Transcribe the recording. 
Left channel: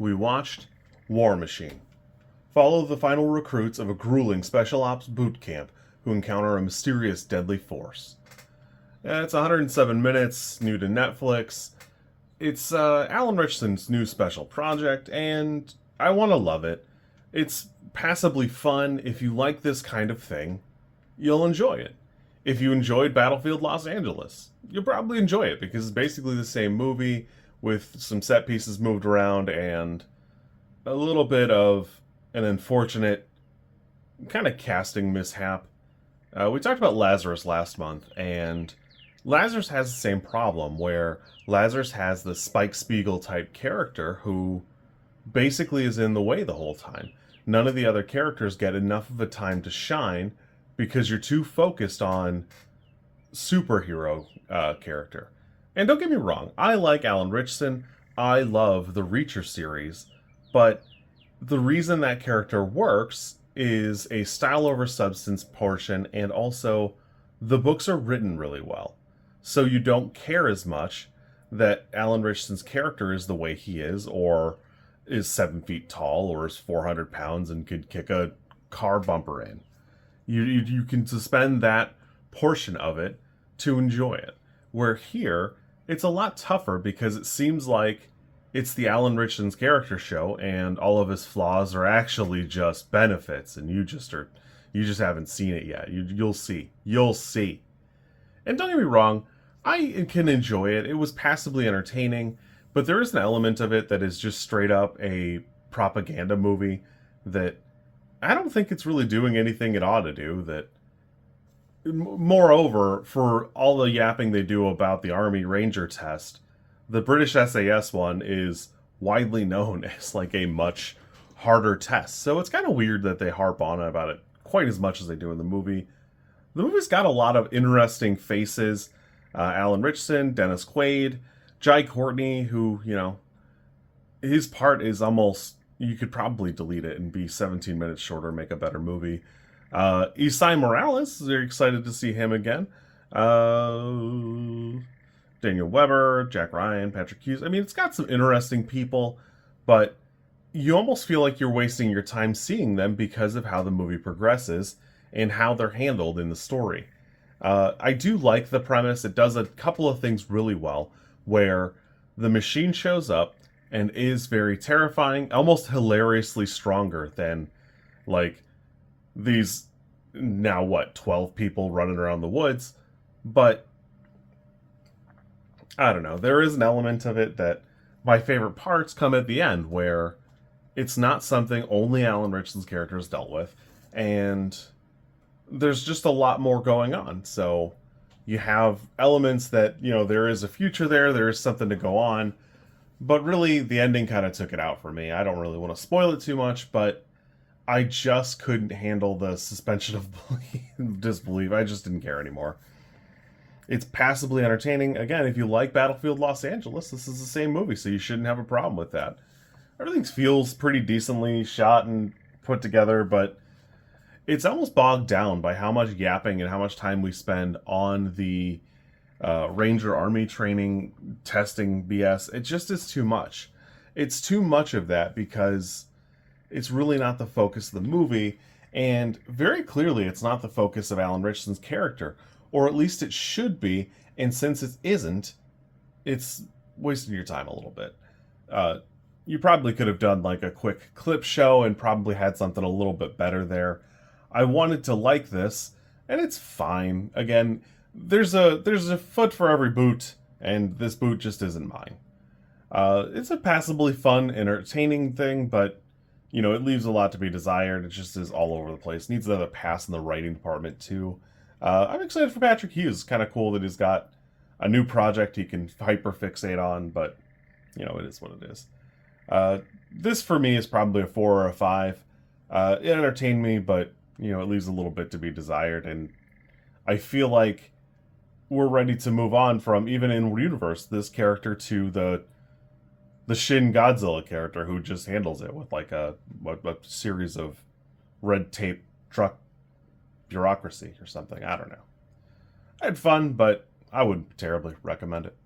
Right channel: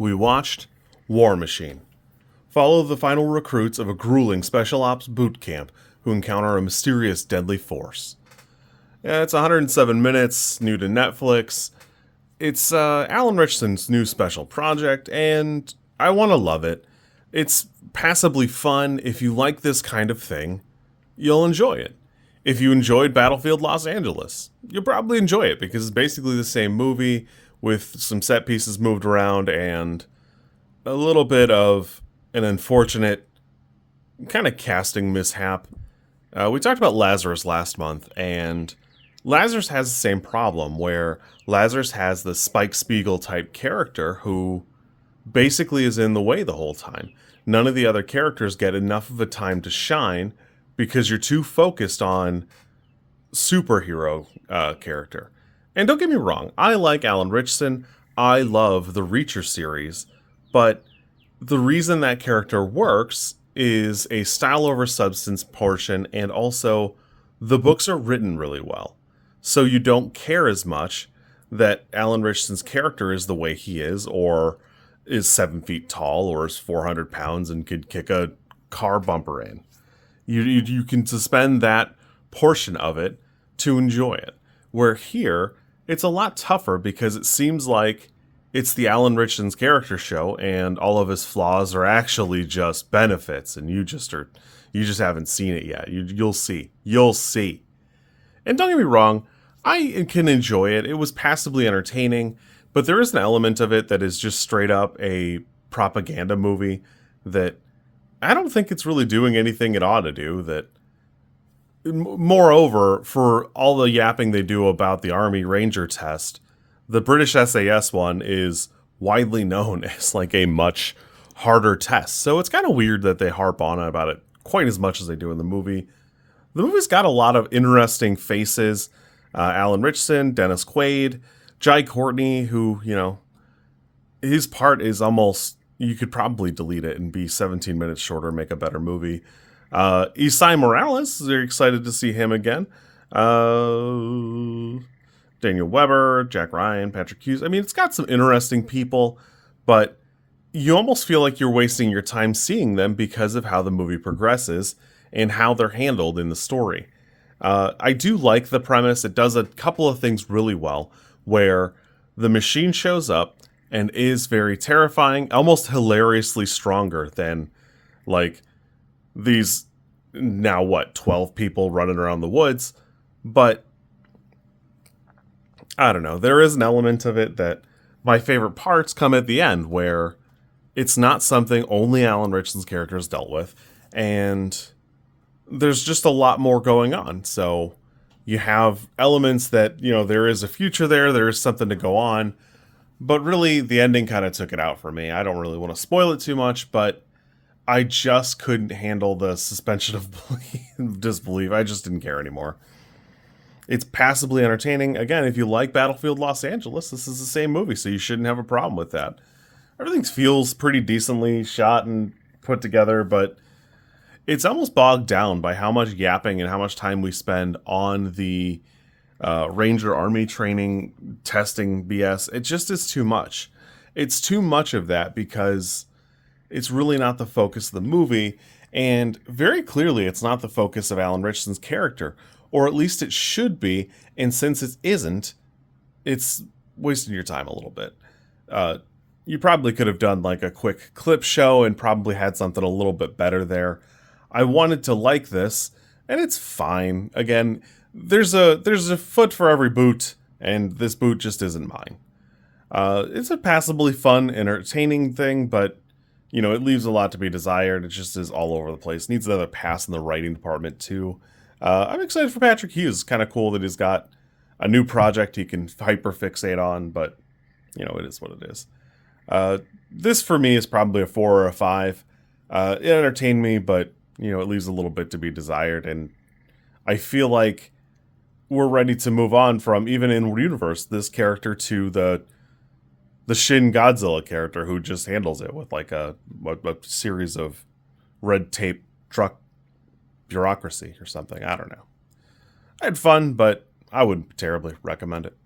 we watched War Machine. Follow the final recruits of a grueling special ops boot camp who encounter a mysterious deadly force. Yeah, it's 107 minutes, new to Netflix. It's Alan Ritchson's new special project, and I want to love it. It's passably fun. If you like this kind of thing, you'll enjoy it. If you enjoyed Battlefield Los Angeles, you'll probably enjoy it because it's basically the same movie with some set pieces moved around and a little bit of an unfortunate kind of casting mishap. We talked about Lazarus last month, and Lazarus has the same problem where Lazarus has the Spike Spiegel type character who basically is in the way the whole time. None of the other characters get enough of a time to shine because you're too focused on superhero character. And don't get me wrong, I like Alan Ritchson. I love the Reacher series, but the reason that character works is a style over substance portion, and also the books are written really well. So you don't care as much that Alan Ritchson's character is the way he is, or is 7 feet tall, or is 400 pounds and could kick a car bumper in. You can suspend that portion of it to enjoy it. Where here, it's a lot tougher because it seems like it's the Alan Ritchson's character show, and all of his flaws are actually just benefits, and you just haven't seen it yet. You'll see. And don't get me wrong, I can enjoy it. It was passably entertaining, but there is an element of it that is just straight up a propaganda movie that I don't think it's really doing anything it ought to do. That, moreover, for all the yapping they do about the Army Ranger test, the British SAS one is widely known as like a much harder test. So it's kind of weird that they harp on about it quite as much as they do in the movie. The movie's got a lot of interesting faces. Alan Ritchson, Dennis Quaid, Jai Courtney, who, his part is almost, you could probably delete it and be 17 minutes shorter, make a better movie. Esai Morales, very excited to see him again. Daniel Weber, Jack Ryan, Patrick Hughes. I mean, it's got some interesting people, but you almost feel like you're wasting your time seeing them because of how the movie progresses and how they're handled in the story. I do like the premise. It does a couple of things really well, where the machine shows up and is very terrifying, almost hilariously stronger than, like, these, now what, 12 people running around the woods. But I don't know, there is an element of it that my favorite parts come at the end, where it's not something only Alan Ritchson's character has dealt with, and there's just a lot more going on. So you have elements that, there is a future there is something to go on, but really the ending kind of took it out for me. I don't really want to spoil it too much, but I just couldn't handle the suspension of disbelief. I just didn't care anymore. It's passably entertaining. Again, if you like Battlefield Los Angeles, this is the same movie, so you shouldn't have a problem with that. Everything feels pretty decently shot and put together, but it's almost bogged down by how much yapping and how much time we spend on the Ranger Army training, testing BS. It just is too much. It's too much of that because it's really not the focus of the movie, and very clearly it's not the focus of Alan Ritchson's character, or at least it should be, and since it isn't, it's wasting your time a little bit. You probably could have done like a quick clip show and probably had something a little bit better there. I wanted to like this, and it's fine. Again, there's a foot for every boot, and this boot just isn't mine. It's a passably fun, entertaining thing, but it leaves a lot to be desired. It just is all over the place. Needs another pass in the writing department too. I'm excited for Patrick Hughes. It's kind of cool that he's got a new project he can hyper fixate on, but it is what it is. This for me is probably a 4 or a 5. It entertained me, but it leaves a little bit to be desired, and I feel like we're ready to move on from, even in universe, this character to the Shin Godzilla character who just handles it with like a series of red tape truck bureaucracy or something. I don't know. I had fun, but I wouldn't terribly recommend it.